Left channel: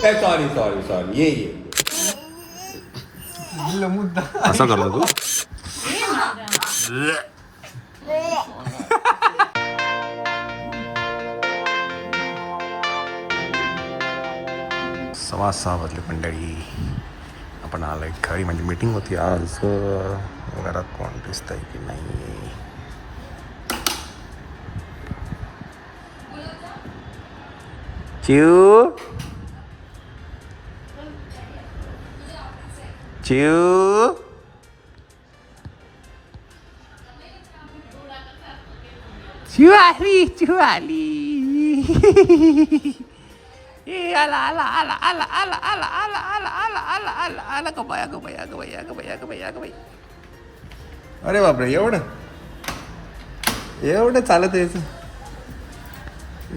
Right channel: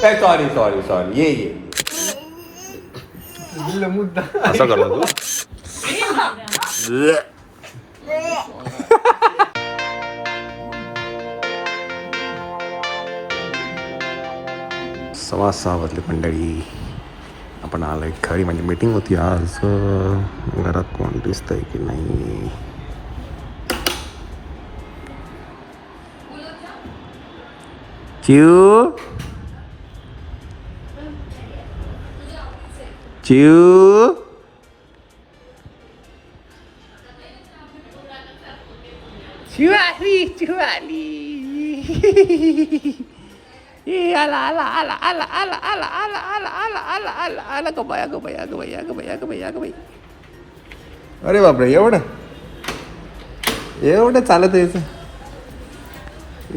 Sorry sorry sorry ये मुद्दा असं करतो तू. सव्वा 6 वाजले मंडळी. आपण आलोय घरी, म्हणजे मीटिंग होती आज. घरात कोण दिसतंय की नाही? चिऊ चिऊ चिऊ आली. ए आला आला आला आला आला आला आला आला आला आला आला आला ग बाया ग बाया ग बाया ग बाया ग बाया ग बाई. अरे बापरे, एवढं एवढं चालत यायचं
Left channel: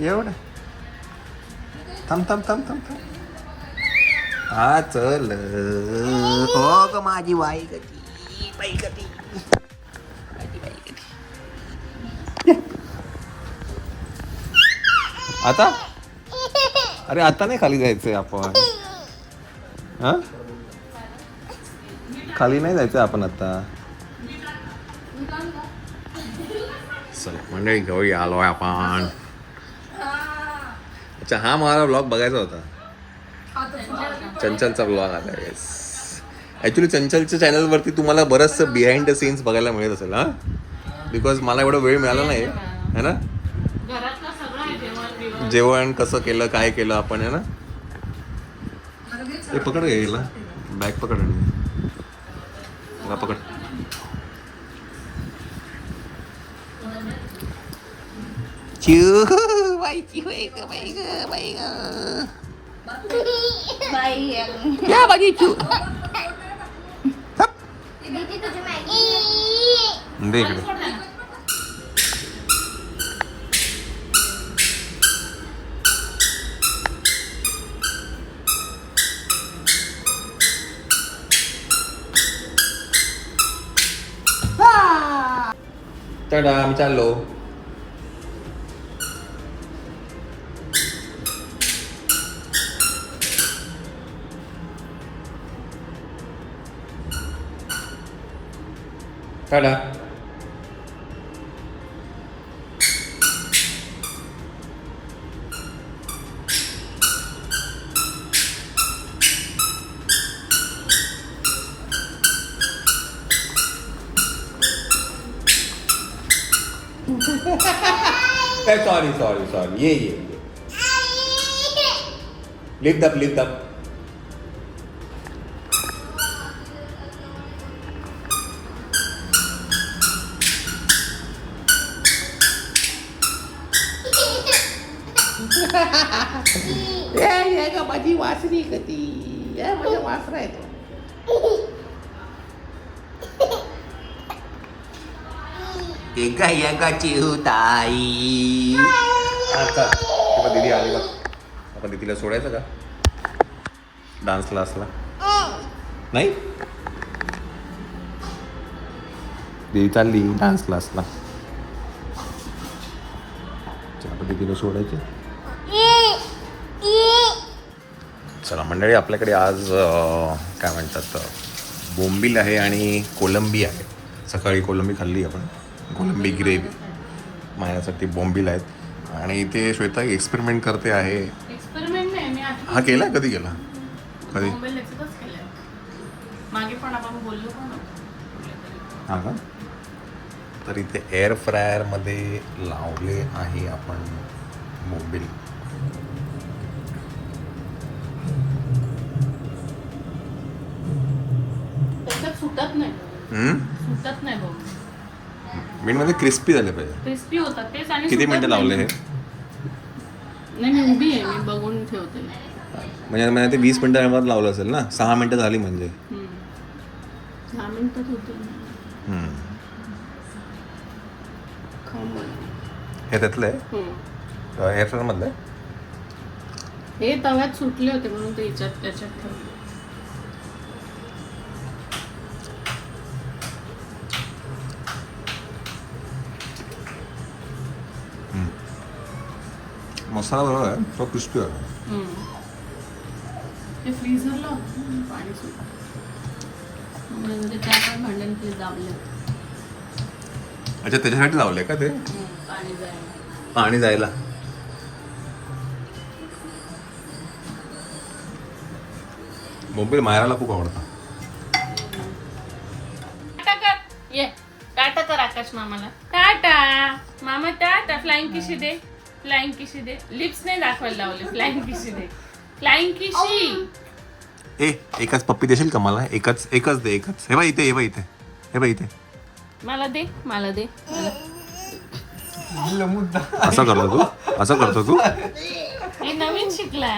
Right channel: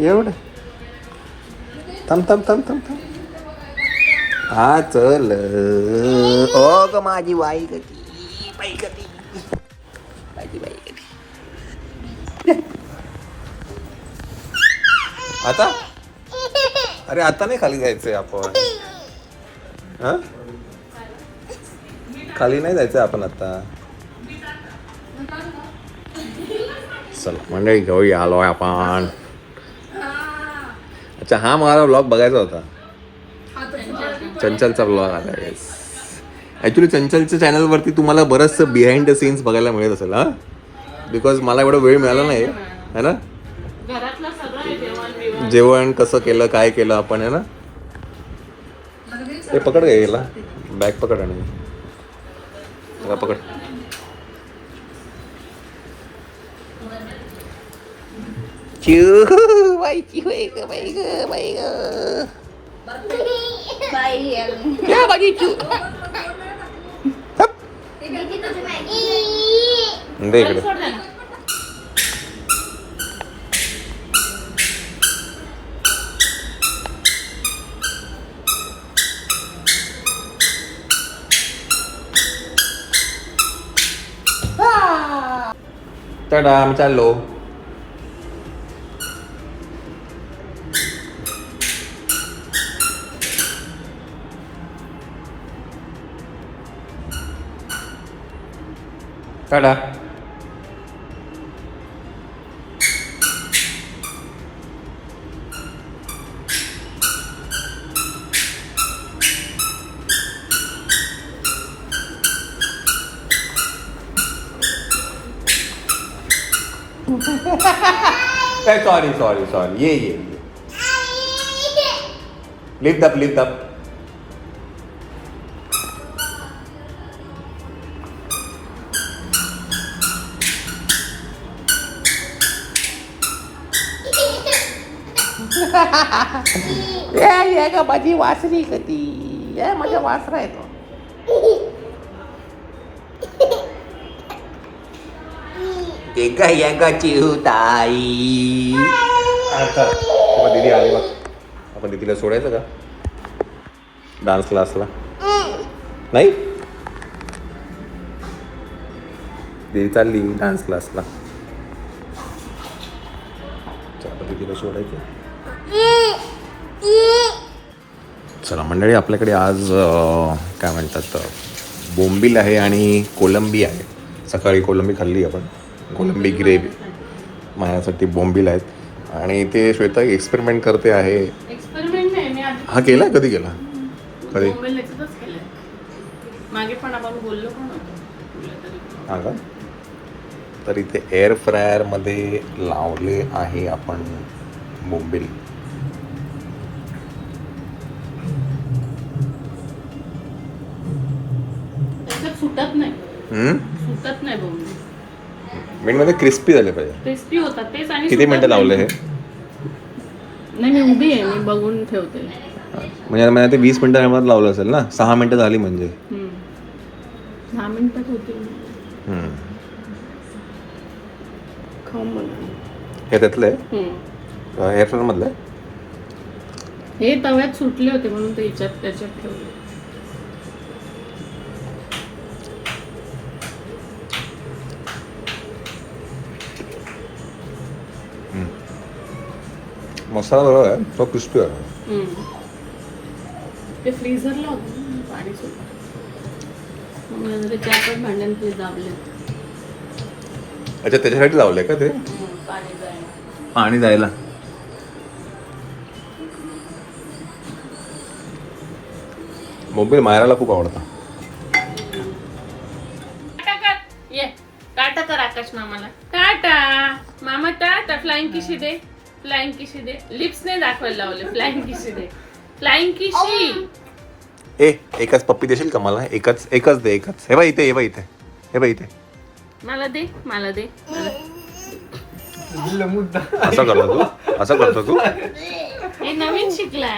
एवढं? थांब थांब थांब थांब थांब. हा चल. ओ ग माझी बाई ग. आता अरे आता नाही खाली जायचंय आपण. हं? खाली नाही जायचंय आपण आता. चल मंडळी, घेऊन आलोय आपण. अच्छा, हा मला ब्लॉग बघायचा होता. चंचलचा ब्लॉग आला. ऍक्च्युली चंचलच्या चॅनलवरती तुम्हाला बरंचसं बिहाइंड द सीन्स बघायला मिळत असेल. हा, बिकॉज मला एवढा वेळ मिळाला नाही है ना. जेवण कसं केलं, काय केलं आपण, है ना. ते पकड काय गेला, बॅग पकड आणि पकड. चिऊ बाईची बाई ग बाई ग बाई ग. या माझी चिऊ. दे इकडे. टाटा, आम्ही चाललो. टाटा. सॉरी सॉरी सॉरी ये लिफ्ट अप लिफ्ट अप. या का माझी वासरी कधी या माझ्या वासरा येतो. एका एका चिवताई. दीदी आली बघ. आपण दीदीला सोडायचं का डान्स क्लासला? नाही, दीदी चालली डान्स क्लासला. आपण दीदीला सोडायचं. चला मंडळी, आपल्याकडे आज काय म्हणतात, बोंबील आहे आणि कोलंबी आहे. सकाळी कोलंबी खाल्ली आपण, कोलंबी ग्रेव्ही. माझ्यासाठी बोंबील आहेत आणि ते श्वेता एक्सपेरिमेंट करते आहे. हा केला, कधी केला? कधी? हा का? तर इथे एअर फ्रायर मध्ये लावले आहे आपण बोंबील. सुटत नाही बोंबील. मेन मध्ये क्रिस्पी झाले पाहिजे. क्रिस्पी होतात तेच. आणि किती मिनिटं लावले हे? नाही, मी उभी आहे, मी बघून ठेवते. म्हणजे मला ते 20 मिनिटांमध्ये लावलं असेल ना. 6 मिनिटं झाली म्हणजे 10 मिनिटात होते. हे त्यातलं आहे, एअर फ्रायर मधलं आहे. हे तव्यात सुटले होते म्हणून ते त्याच्यात ठेवले. मसाला बरोबर आहे, तो क्रिस्पी आहे. ते फ्रीझरला होतं ना, पाणी सुटलं. मग नंतर ते 4-5 भांड्यान ते दाबले. अच्छा त्याच्यासाठी लावलंय का ते पाणी जायला. पाणी जायला. बोंबील मायराला खूप आवडतं. टाटा कर ये, टाटा कर आकाश मामाला. टाटा मामा, टाटा. फ्लाइंग किशी दे, फ्लाइंग किशी दे. लिप्स नाही दाखवायला लावले. फ्लाइंग किशी दे, फ्लाइंग किशी. एकच पप्पी देशील का मला? एकच दे, एकच. हे बघ इथे, हे बघ इथे, हे बघ इथे. मला दे, मला दे. असं करतो तू हे नवीन शिकलाय.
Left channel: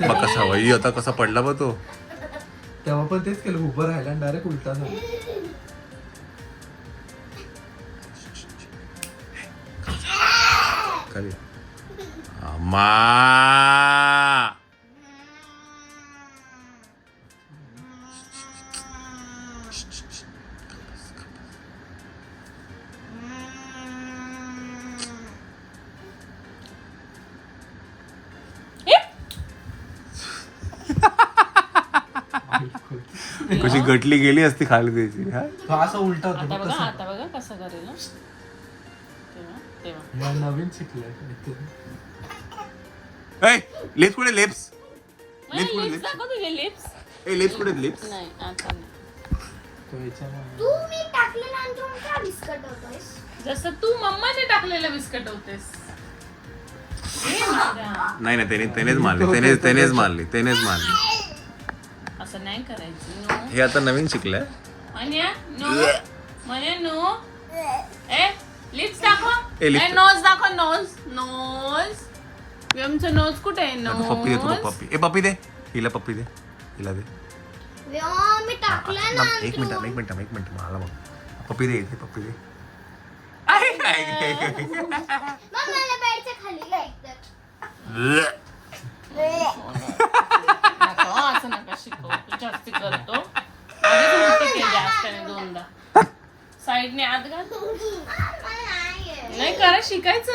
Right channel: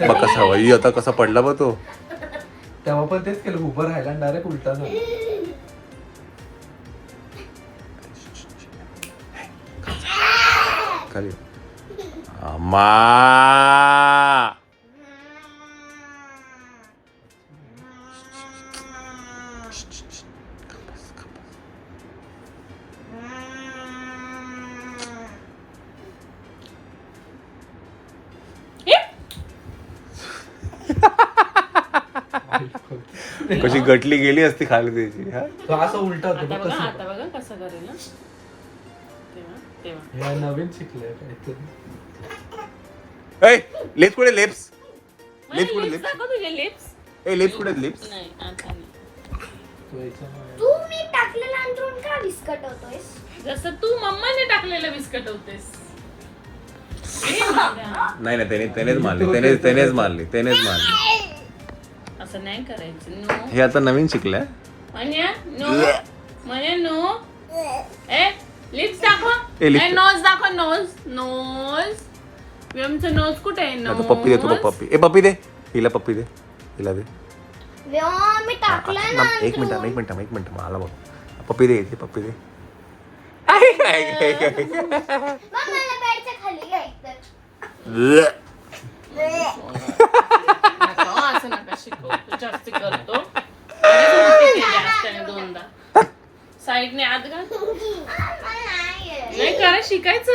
मग कसा वही आता कसा पडला बघ तो. तेव्हा पण तेच केलं, उभं राहिला डायरेक्ट उलटा झाला. खाली मा कशी गटली गेली असती खाली त्याची. हा? तो असं उलटा होतो आता बघ बघा, कसं. आता बघा कसं करेल. तेव्हा नाही, नवीन शिकले काहीतरी. लेप्स कुठे लेप्स? लिप्स कुठे लिप्स? दाखव तुझे लिप्स. लेप्स कुठे लिप्स? नाही आता नाही. तो याच्यामुळे. तू मी टाकल्यानंतर का बिस्कट होतोयस? जसं तू मम्माने टाकलेलं बिस्किट होतेस. नाही त्यानेच मारली. असं नाही करायचं. नो हे आता नवीन शिकलाय. म्हण्या नो, म्हण्या नो. ए लिप्स दाखव. ए, lips. ए नोज दाखव. नोज. आमचं नोज कुठे आहे? आता पप्पी देतो बघ, पप्पी. पप्पी दे हिला, पप्पी दे हिला दे. व्यो, मी हा, टाकलं ना. एक मिनिट मला बघ. पप्पी दे पप्पी दे. मग मला बेडच्या खाली घ्यायचं. असं नका शिकव. तू जास्ती करतो. आधीच उलटी केली आज त्याने 2दा. साईडने आत घाल. नाही करा, शिकायचं.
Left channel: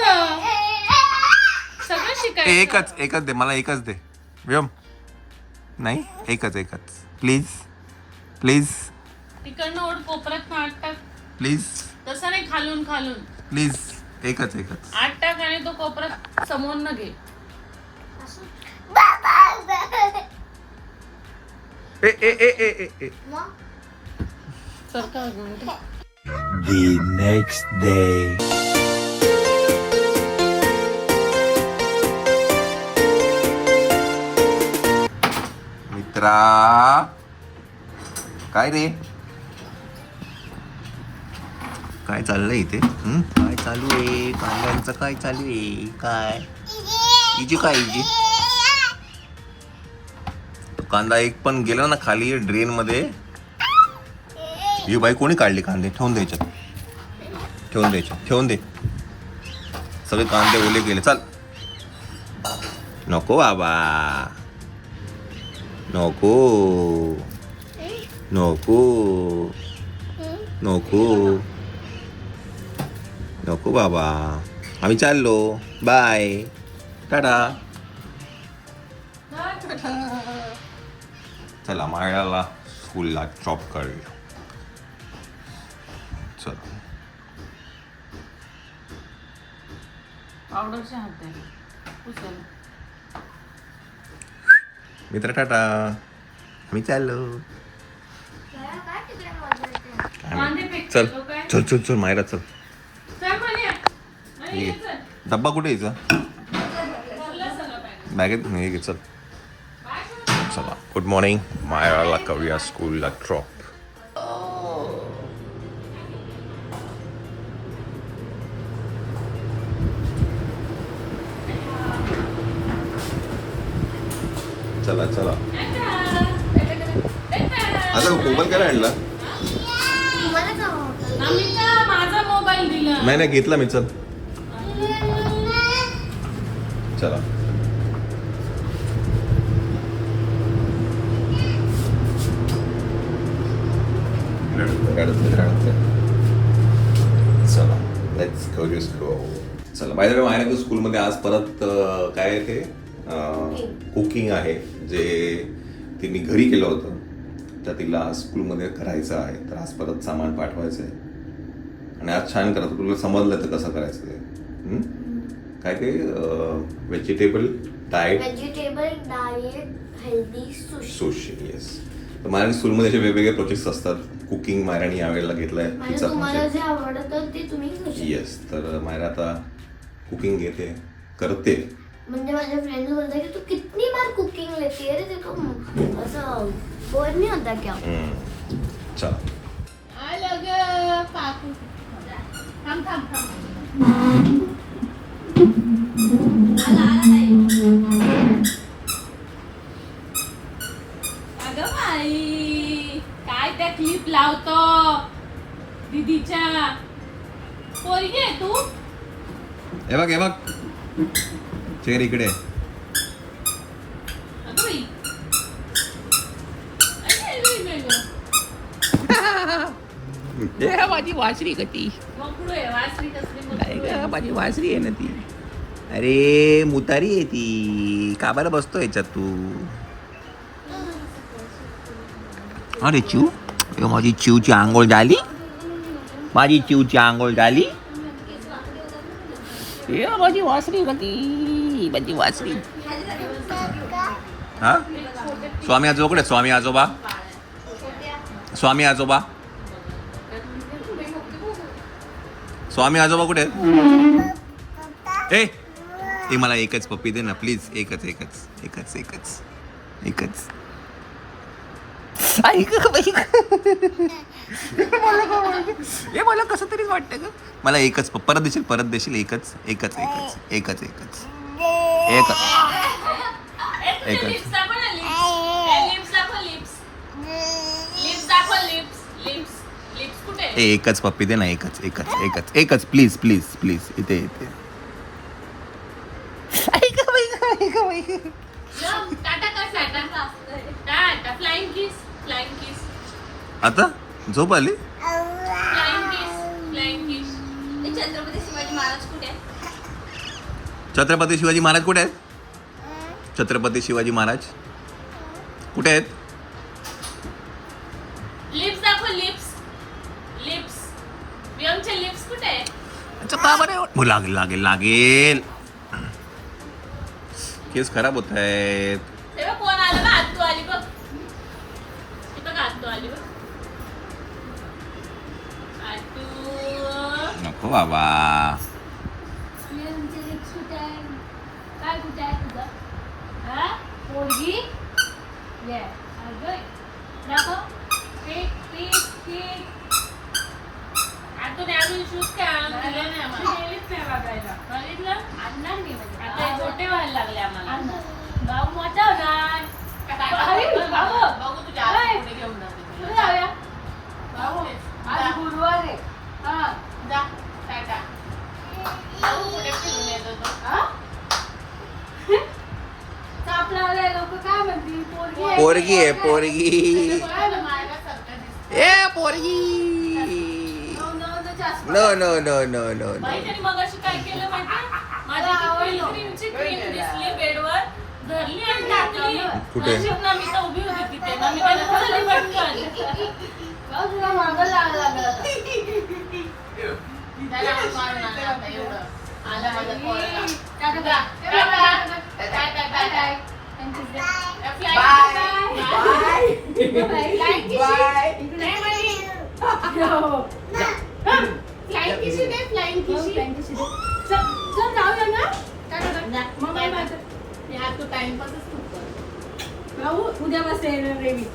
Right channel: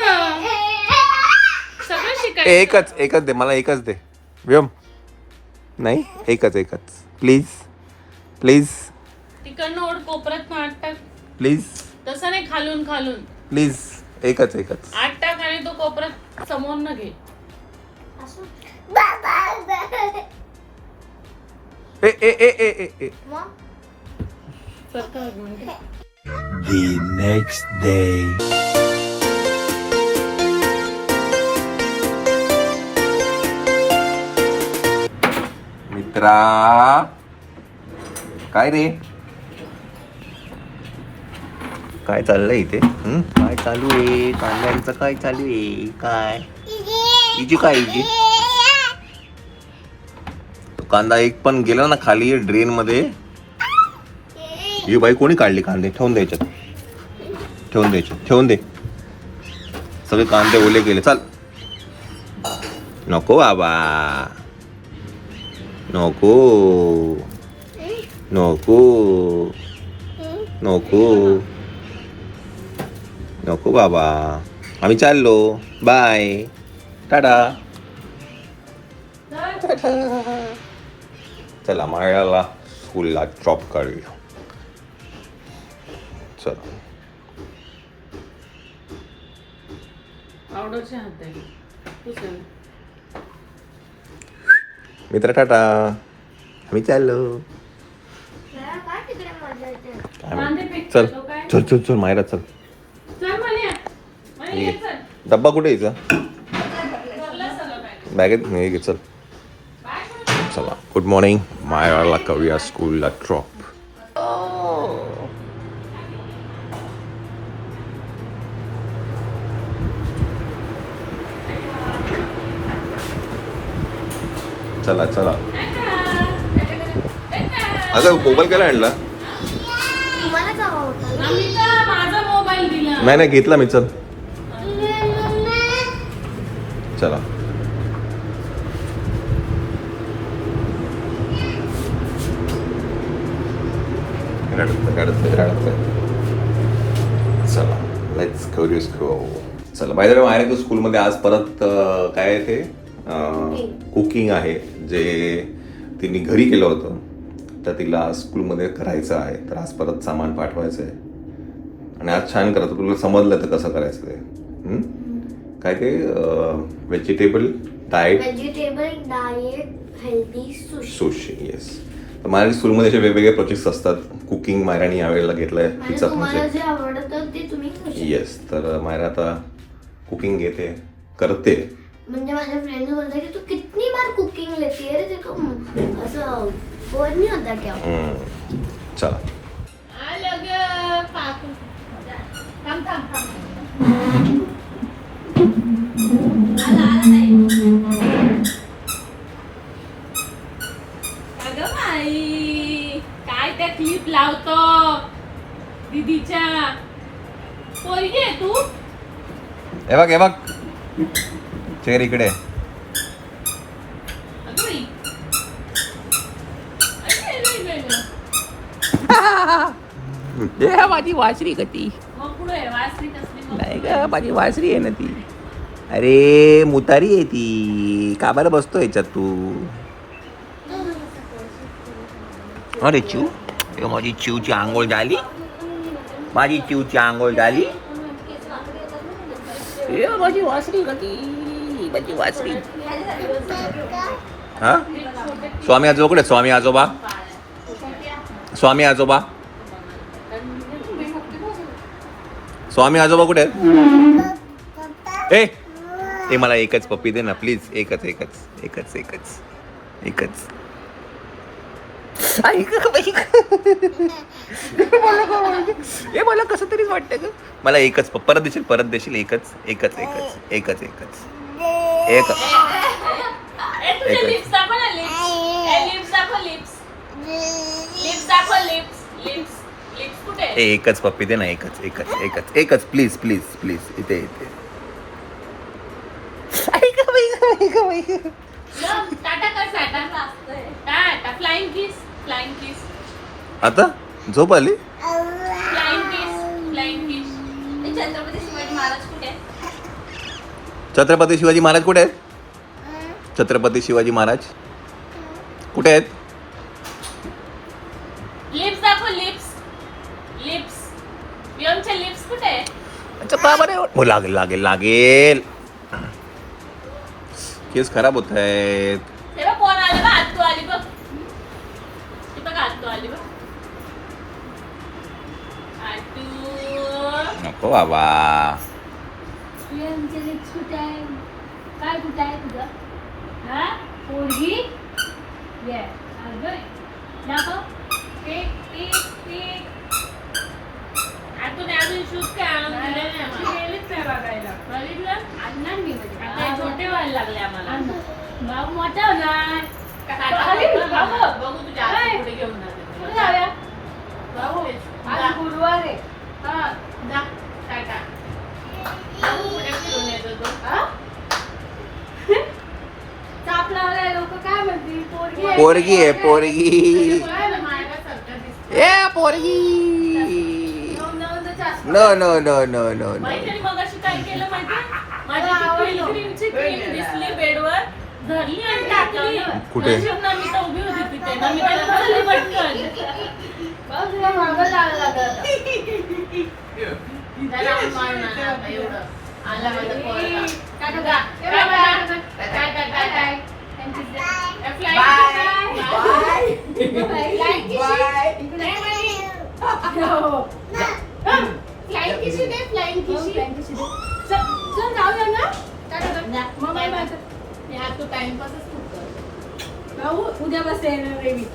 सगळं शिकायचं. एकच दे मला, एकच दे. व्योम नाही, एकच प्लीज तिकडनं ओढ, कोपऱ्यात आत टाक. प्लीज तसं नाही, खालून प्लीज एकच आत टाक आणि तो कोपऱ्यात समोर न घे. चल का एक मिनिट. The next day. मित्रा काय रे, काय चाललंय इथे? काय चालू आहे? कांद्यांचं काय चालू आहे? काय इजी तो कांदा एक पण गेला ना खाली ड्रेन मध्ये. ही बाई कोणी काढली कांदे? ठेवून दे. सगळे कांदे ओले गेले. चाल नको बाबा, नको बाबा, आम्ही चाललो. बाय, टाटा. चला मायाला स्कूलला ड्रॉप करूया. चला आवडरचे हात द्यायला. पुसेल. मित्र टाटा, आम्ही चाललो. काय तिकडे मजा येते? काय कांदे माहिती. फेक चल करतो काय? चल मायरा चल. चल म्हणे. नाही, ये चल. डब्बा कुठे यायचा? चला सगळं बॅग. बॅगेत नाही घे. चल चला. Good morning. मायराला करूया स्कूलला ड्रॉप. चला अगं मोबाईल काय आणला? तुम्हाला का होतं? आम्ही तर माझा मोबाईल दिला. नाही घेतला मी. चल चला. चला लेट्स गो. चला बाय द वे मायरा तू स्कूलमध्ये आज परत काय आहे ते कुकिंग आहे जे तिने घरी केलं होतं तर तिला स्कूलमध्ये करायचं आहे. तर आज परत सामान पाठवायचं आहे आणि आज छान करत तुला समजलं तर कसं करायचं ते. काय ते vegetable diet healthy sushi. Yes. तर माझ्या स्कूलमध्ये असे वेगवेगळे प्रोजेक्ट्स असतात. कुकिंग मायराने यावेळेला घेतलंय तिचा तुम्हाला जे प्रोजेक्ट. आवडतं ते तुम्ही खाऊ शकता. येस. तर मायरा आता कुकिंग घेते करते. म्हणजे माझे फ्रेंड बोलतात की तू कितनी बार कुकिंग लेती है रे, ते को असं बोर नहीं होता क्या? चला अगं बाई काय त्या क्लिप लावतो दीदीच्या. पोरगी आहे तू? हे बघ चेअर इकडे. अगं बाई. माझी वासरी का ती? मग पुढे वासरी कसली मग नाही पुढे? का माझी वासरी आहे ना ती. अरे मुतारी आहे ती. का बरं बसतो याच्यात तू? अरे चिव माझी चिवची आंघोळ झाली. माझी चिवची आंघोळ झाली. ये माझी वासरी का ती? माझी वासरी. हा स्वामी आजोबा कुठे? स्वामी आजोबा स्वामी आजोबा स्वामी आजोबा कुठे आहेत? ए मला एकच पप्पी दे ना प्लीज. एकच एकच एकच एकच एकच. हे मला कसं तरीच वाटतं ग. मला एकच परत देशील एकच एकच एकच एकच एकच एक ए, तुझे एकच. lips दाखव ना, lips. ए, lips दाखव, lips. Lips दाखव, lips. Lips. Lips कुठे आहे? एकच पप्पी दे ना. एकच एकच एकच एकच प्लीज प्लीज प्लीज इथे इथे. मग टाटा कर, Tata. Tata, flying kiss, flying kiss, आता झोप आली. flying kiss, flying kiss. ए, छत्रपती शिवाजी महाराज कुठे आहे? छत्रपती शिवाजी महाराज कुठे आहेत? छत्रपती शिवाजी महाराज कुठे आहेत? लिप्स दाखव, लिप्स. लिप्स. वियमचे लिप्स कुठे आहे? अच्छा का बरं हो लागेल लागेल लागेल. केस खराब होत आहेत. हे बघ, कोण आलं बघ, आत्तू आली बघ. ही बघ, आत्तू आली बघ. आत्तू. नको बाबा. वियमचे lips कुठे आहे? काय कुठे आहे तुझं? हा? पोरगी? ये, अगं. दाखव. आत्तूने अजून शूज काय आणून दिले नाही आम्हाला. बघितलं? आता हे छोटे व्हायला लागले आम्हाला. भाऊ मोठा होणार. बघू तुझ्या आत्तू कुठे घेऊन जाते. बघू. आज गुरुवार आहे. हा, जा. टाटा. बघू कुठे फिरून येतो तो. ताप लावलाय लोक काय म्हणतील? पोरगी आहे. पोरगी आहे पोरगी. काय ना, माझ्यासारखं दिसतं. ए पोरगी. No no no no no no. माहिती मगाशी काय केलं माहिती? माझी पिलग्रीमची क्रीम दिसली बेडवर, धरली आणि टाकली. कुठे? नशीब ना मी तर उभी होती तिथे ना, मी त्याला धरली पटकन. बघ तुला मागं लागलं. त्याला मारून आणलं आता एवढं. आला माझ्या पोराला. टाटा जा. टाटा. टाटा, टाटा. या flight Flying किशी दे, flying किशी. चल जाऊया ना. टाटा कर. जा. मग बाय बाय. बाय. या तू टाइमपासच खूप कर. भाऊ उद्या बस येणार रेवी.